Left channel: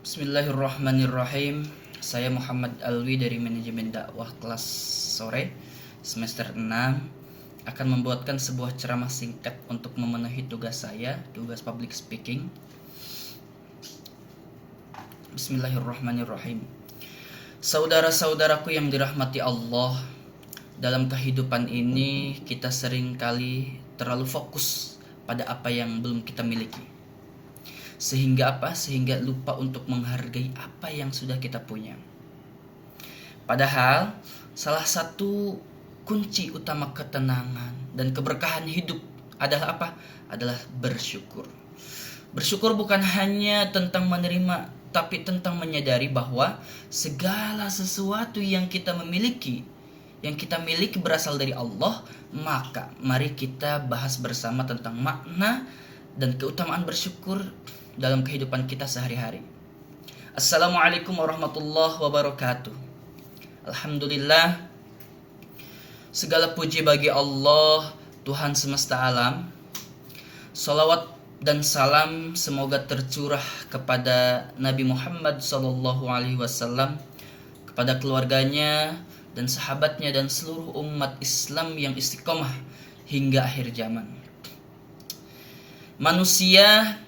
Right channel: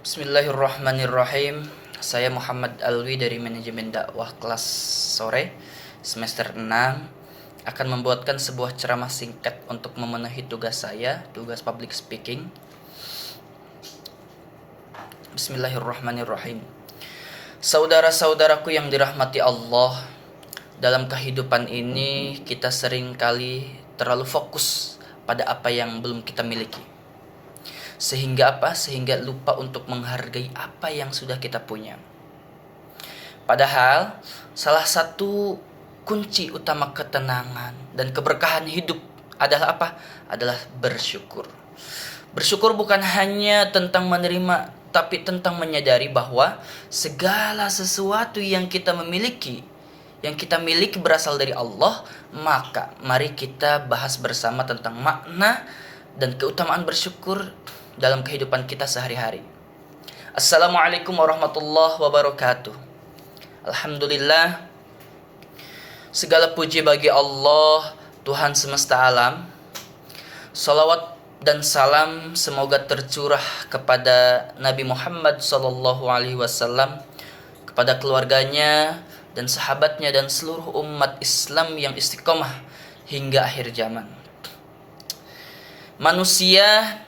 Bismillahirrahmanirrahim. Saya Muhammad Alwi dari Manajemen Dakwah kelas sore semester 6 akan membuatkan sebuah ceramah singkat untuk memenuhi tugas saya, tugas public speaking. Bismillahirrahmanirrahim. Saudara-saudaraku yang dirahmati Allah, dalam kehidupan ini kita sering kali terlalu fokus pada apa yang belum kita miliki. Sehingga lupa untuk menghargai apa yang sudah kita punya. Padahal salah satu kunci utama ketenangan dan keberkahan hidup adalah apa? Adalah bersyukur. Bersyukur bukan hanya tentang menerima, tapi tentang menyadari bahwa segala sesuatu yang kita miliki berasal dari Allah. Maka mari kita bahas bersama tentang makna dan keutamaan bersyukur dalam kehidupan kita sehari-hari. Assalamualaikum warahmatullahi wabarakatuh. Alhamdulillah, segala puji bagi Allah, Tuhan semesta alam. Salawat dan salam semoga tercurah kepada Nabi Muhammad SAW, kepada keluarganya dan sahabatnya dan seluruh umat Islam yang istiqomah hingga akhir zaman. Manusia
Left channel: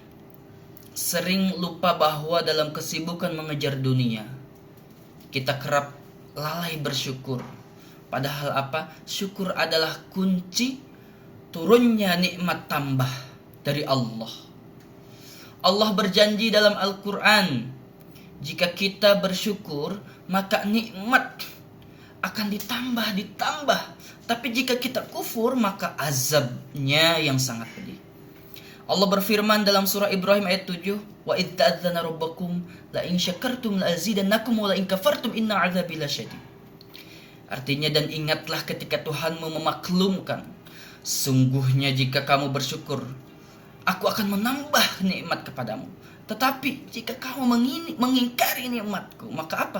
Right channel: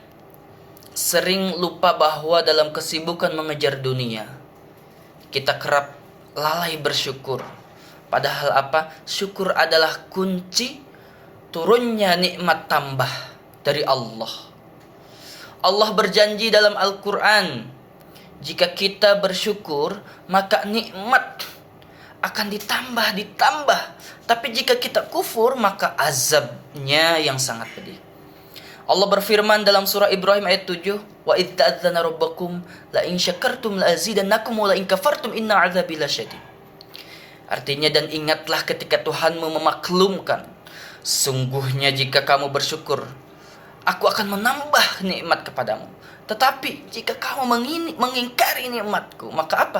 sering lupa bahwa dalam kesibukan mengejar dunia, kita kerap lalai bersyukur. Padahal syukur adalah kunci turunnya nikmat tambah dari Allah. Allah berjanji dalam Al-Quran, jika kita bersyukur, maka nikmat akan ditambah. Tapi jika kita kufur, maka azabnya yang sangat pedih. Allah berfirman dalam surah Ibrahim ayat 7, wa idz ta'adzana rabbakum la in syakartum la azidannakum wa la in kafartum inna 'adzabi lasyadid. Artinya, dan ingatlah ketika Tuhanmu memaklumkan, sungguhnya jika kamu bersyukur, aku akan menambah nikmat kepadamu. Tetapi jika kamu mengingkari nikmatku, maka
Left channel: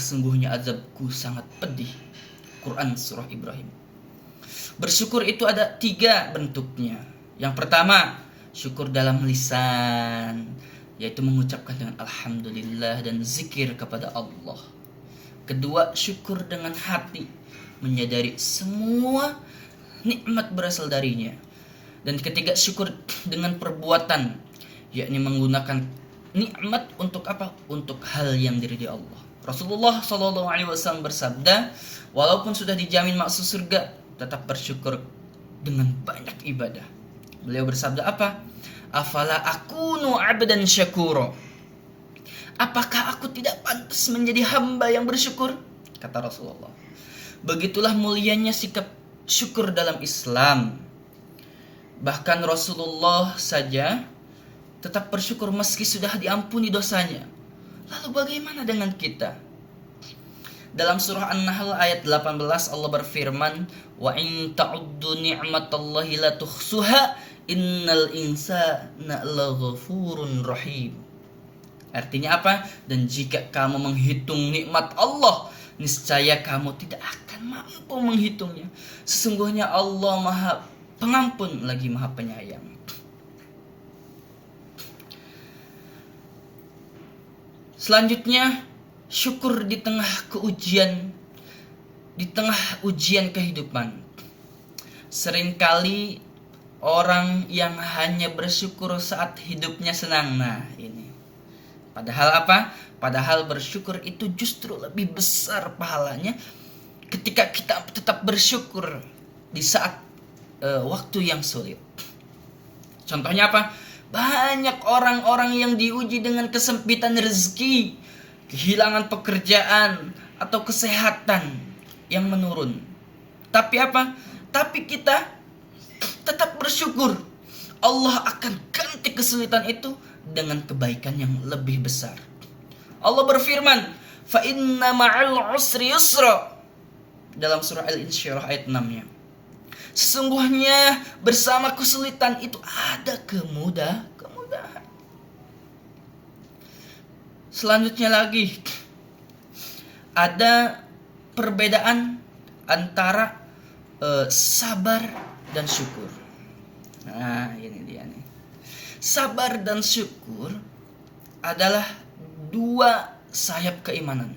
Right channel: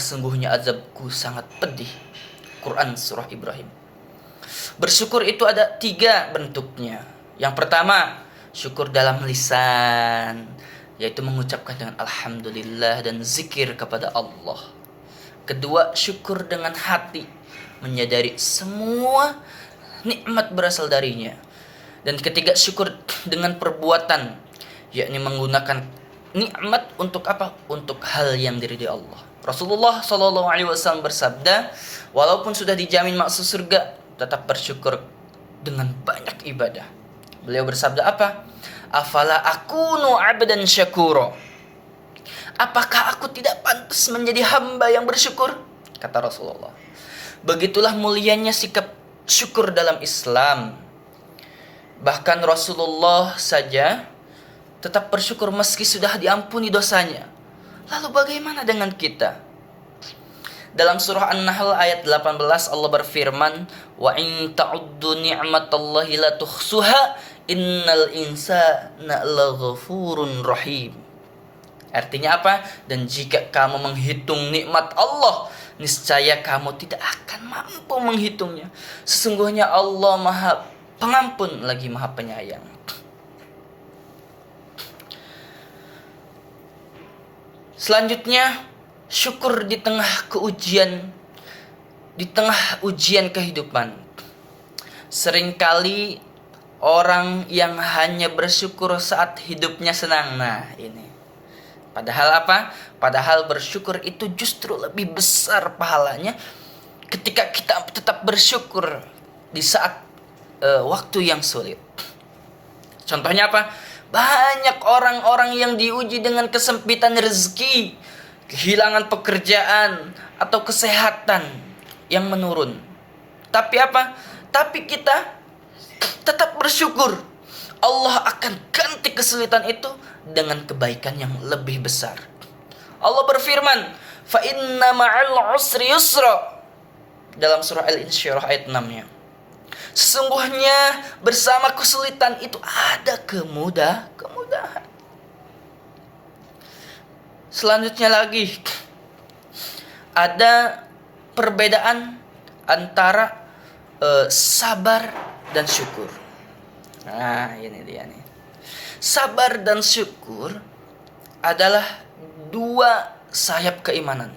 sungguhnya azabku sangat pedih. Quran surah Ibrahim. Bersyukur itu ada 3 bentuknya. Yang pertama, syukur dalam lisan, yaitu mengucapkan dengan alhamdulillah dan zikir kepada Allah. Kedua, syukur dengan hati, menyadari semua nikmat berasal darinya. Dan ketiga, syukur dengan perbuatan, yakni menggunakan nikmat untuk Untuk hal yang diridhai Allah. Rasulullah SAW bersabda, walaupun sudah dijamin masuk surga, tetap bersyukur dengan banyak ibadah. Beliau bersabda afala akunu abdan syakura, apakah aku tidak pantas menjadi hamba yang bersyukur? Kata Rasulullah. Begitulah mulianya sikap syukur dalam Islam. Bahkan Rasulullah saja tetap bersyukur meski sudah diampuni dosanya. Lalu bagaimana dengan kita? Dalam surah An-Nahl ayat 18 Allah berfirman, wa in ta'uddu ni'matallahi la tuhsuha innal insana laghafurun rahim. Artinya Dan jika kamu menghitung nikmat Allah, niscaya kamu tidak akan mampu menghitungnya. Sesungguhnya Allah Maha Pengampun lagi Maha Penyayang. Selanjutnya, syukur di tengah ujian kehidupan. Seringkali orang yang hanya bersyukur saat hidupnya senang. Nah, ini. Padahal bersyukur itu justru lebih besar pahalanya ketika kita tetap bersyukur di saat waktu yang sulit. Contohnya banyak orang-orang yang diuji dengan kesempitan rezeki, kehilangan pekerjaan, atau kesehatan yang menurun. Tapi kita tetap bersyukur. Allah akan ganti kesulitan itu dengan kebaikan yang lebih besar. Allah berfirman, fa inna ma'al usri yusra, dalam surah Al-Insyirah ayat 6-nya. Sesungguhnya bersama kesulitan itu ada kemudahan. Selanjutnya lagi, ada perbedaan antara sabar dan syukur. Nah, ini dia nih. Sabar dan syukur adalah dua sayap keimanan.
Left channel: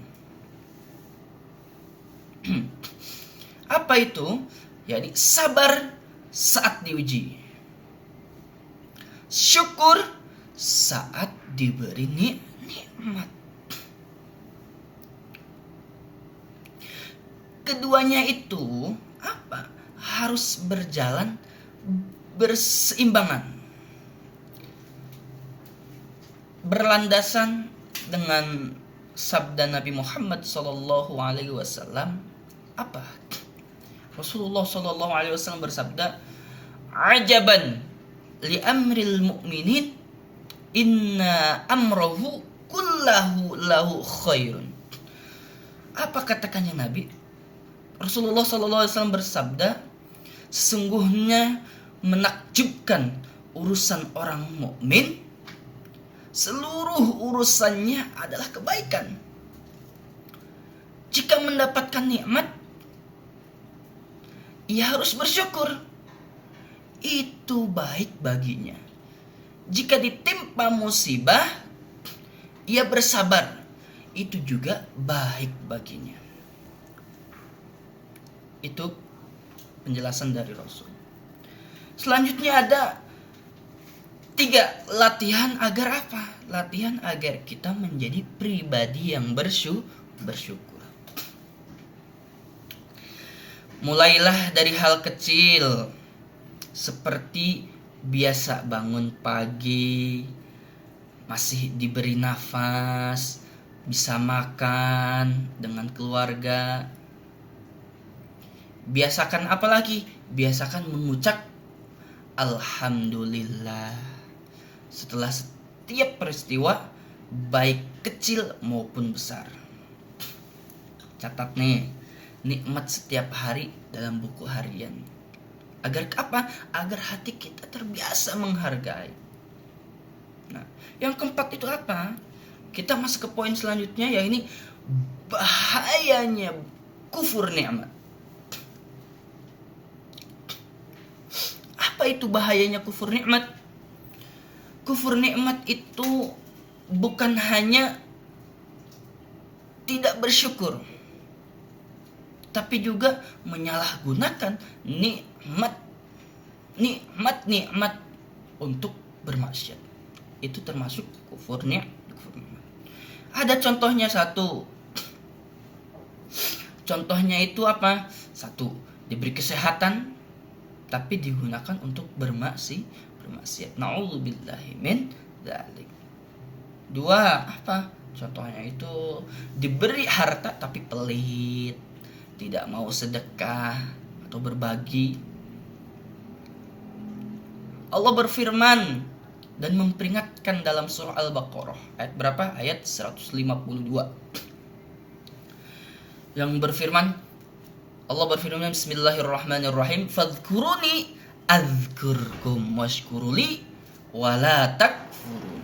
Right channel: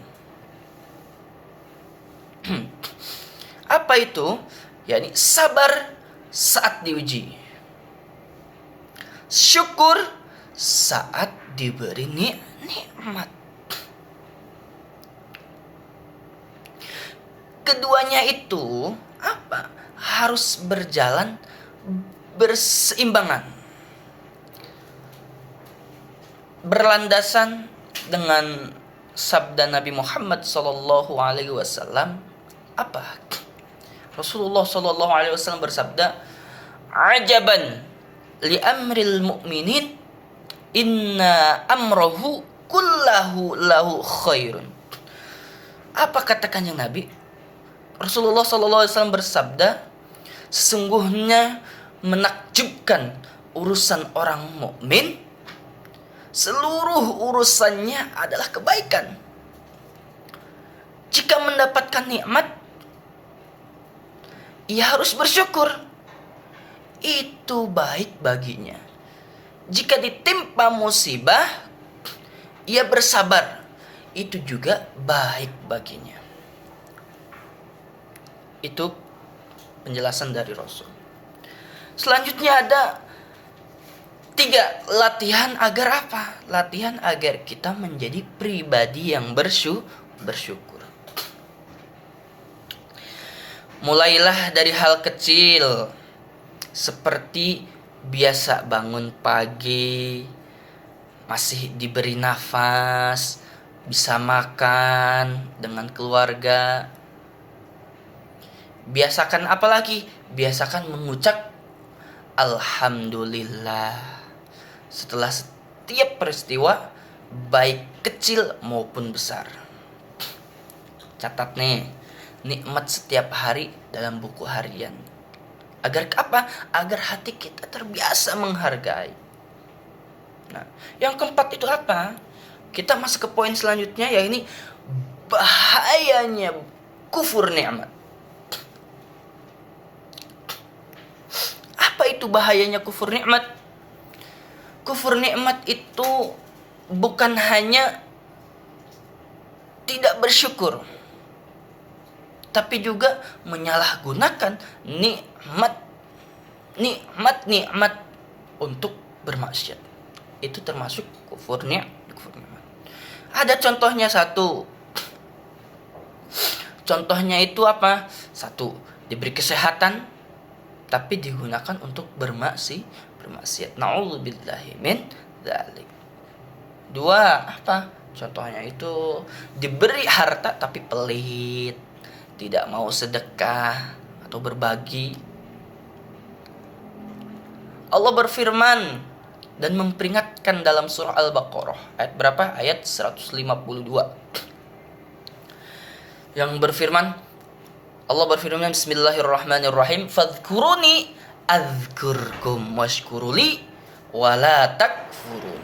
Apa itu? yakni sabar saat diuji, syukur saat diberi nikmat. Keduanya itu apa? Harus berjalan berseimbangan, berlandasan dengan sabda Nabi Muhammad SAW. Apa? Rasulullah SAW bersabda, "Ajaban li amril mu'minin, inna amrahu kullahu lahu khairun." Apa kata Kanjeng Nabi? Rasulullah SAW bersabda, sesungguhnya menakjubkan urusan orang mukmin, seluruh urusannya adalah kebaikan. Jika mendapatkan nikmat, ia harus bersyukur. Itu baik baginya. Jika ditimpa musibah, ia bersabar. Itu juga baik baginya. Itu penjelasan dari Rasul. Selanjutnya ada 3 latihan agar apa? Latihan agar kita menjadi pribadi yang bersyukur. Mulailah dari hal kecil, seperti biasa bangun pagi, masih diberi nafas, bisa makan dengan keluarga. Biasakan apa lagi? Biasakan mengucap alhamdulillah setelah setiap peristiwa, baik kecil maupun besar. Catat nih, nikmat setiap hari dalam buku harian. Agar apa? Agar hati kita terbiasa menghargai. Nah, yang keempat itu apa? Kita masuk ke poin selanjutnya, yaitu bahayanya kufur nikmat. Apa itu bahayanya kufur nikmat? Kufur nikmat itu bukan hanya tidak bersyukur, tapi juga menyalahgunakan nikmat untuk bermaksiat. Itu termasuk kufur nikmat. Ada contohnya satu. Contohnya itu apa? 1, diberi kesehatan tapi digunakan untuk bermaksiat. Na'udzubillahi min dzalik. 2, apa? Contohnya itu diberi harta tapi pelit, tidak mau sedekah atau berbagi. Allah berfirman dan memperingatkan dalam surah Al-Baqarah ayat berapa? Ayat 152. Yang berfirman, Allah berfirman, bismillahirrahmanirrahim, fadhkuruni adzkurkum washkuruli wala takfurun.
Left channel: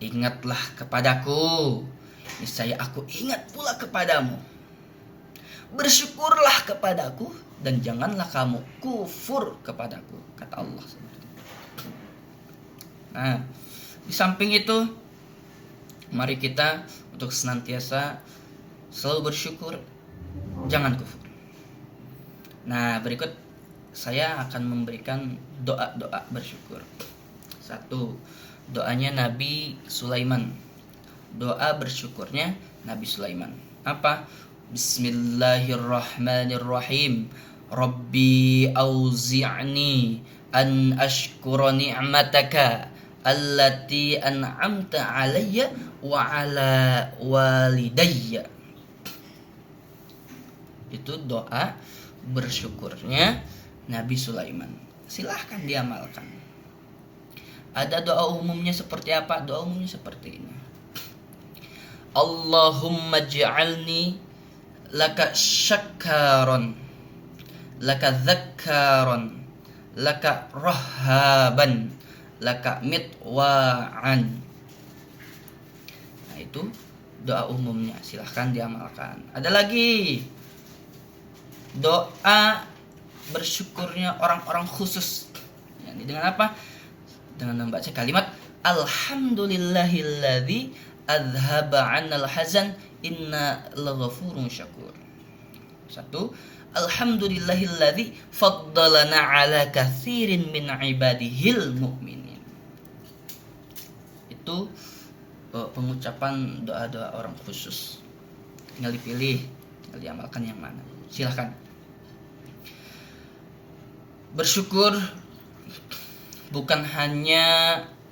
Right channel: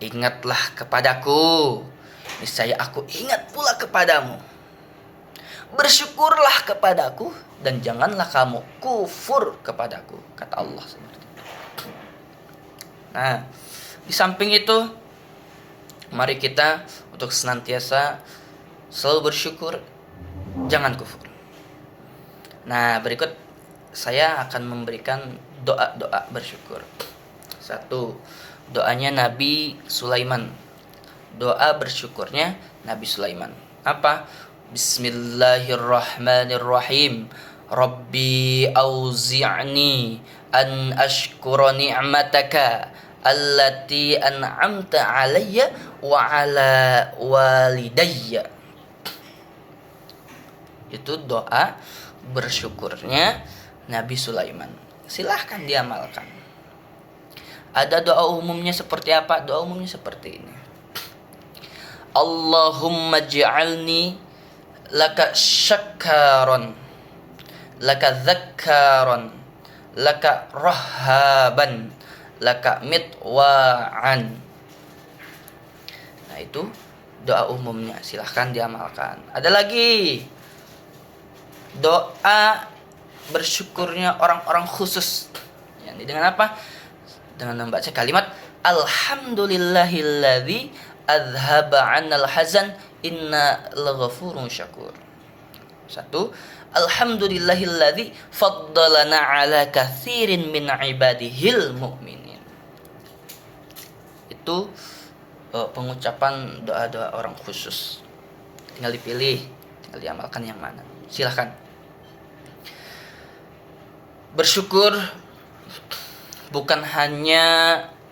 Ingatlah kepadaku, niscaya aku ingat pula kepadamu. Bersyukurlah kepadaku dan janganlah kamu kufur kepadaku, kata Allah. Nah, di samping itu, mari kita untuk senantiasa selalu bersyukur, jangan kufur. Nah, berikut saya akan memberikan doa-doa bersyukur. 1, doanya Nabi Sulaiman. Doa bersyukurnya Nabi Sulaiman. Apa? Bismillahirrahmanirrahim. Rabbi auzi'ni an ashkura ni'mataka allati an'amta alayya wa ala walidayya. Itu doa bersyukurnya Nabi Sulaiman. Silahkan diamalkan. Ada doa umumnya seperti apa? Doa umumnya seperti ini. Allahumma ja'alni laka syakkaron, laka dzakkaron, laka rahaban, laka mitwa'an. Nah, itu doa umumnya. Silahkan diamalkan. Ada lagi doa bersyukurnya orang-orang khusus. Dengan apa? Dengan membaca kalimat alhamdulillahilladzi adhaba 'anal hazan inna laghafurun syakur. Satu, alhamdulillahilladzi faddalana 'ala katsirin min ibadihil mu'minin. Itu pengucapan doa-doa orang khusus. Tinggal dipilih, tinggal diamalkan yang mana. Silahkan. Bersyukur bukan hanya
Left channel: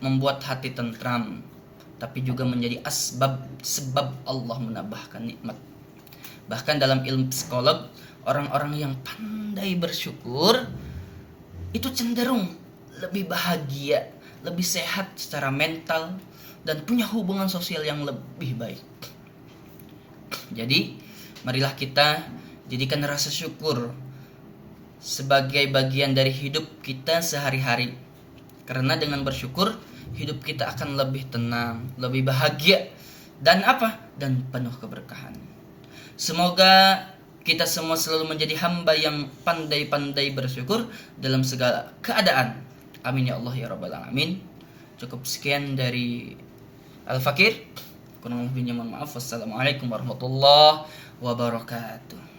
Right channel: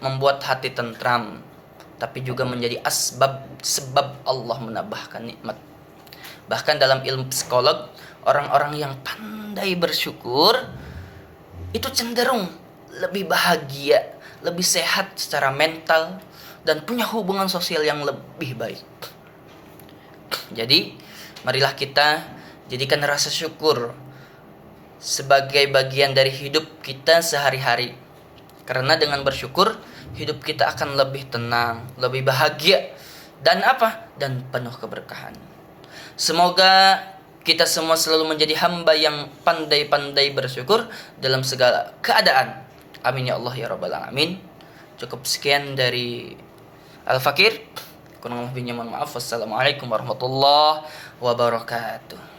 membuat hati tentram, tapi juga menjadi sebab Allah menambahkan nikmat. Bahkan dalam ilmu psikolog, orang-orang yang pandai bersyukur itu cenderung lebih bahagia, lebih sehat secara mental, dan punya hubungan sosial yang lebih baik. Jadi, marilah kita jadikan rasa syukur sebagai bagian dari hidup kita sehari-hari. Karena dengan bersyukur, hidup kita akan lebih tenang, lebih bahagia, dan dan penuh keberkahan. Semoga kita semua selalu menjadi hamba yang pandai-pandai bersyukur dalam segala keadaan. Amin ya Allah ya rabbal alamin. Cukup sekian dari Al-Fakir. Kurang lebihnya mohon maaf. Wassalamualaikum warahmatullahi wabarakatuh.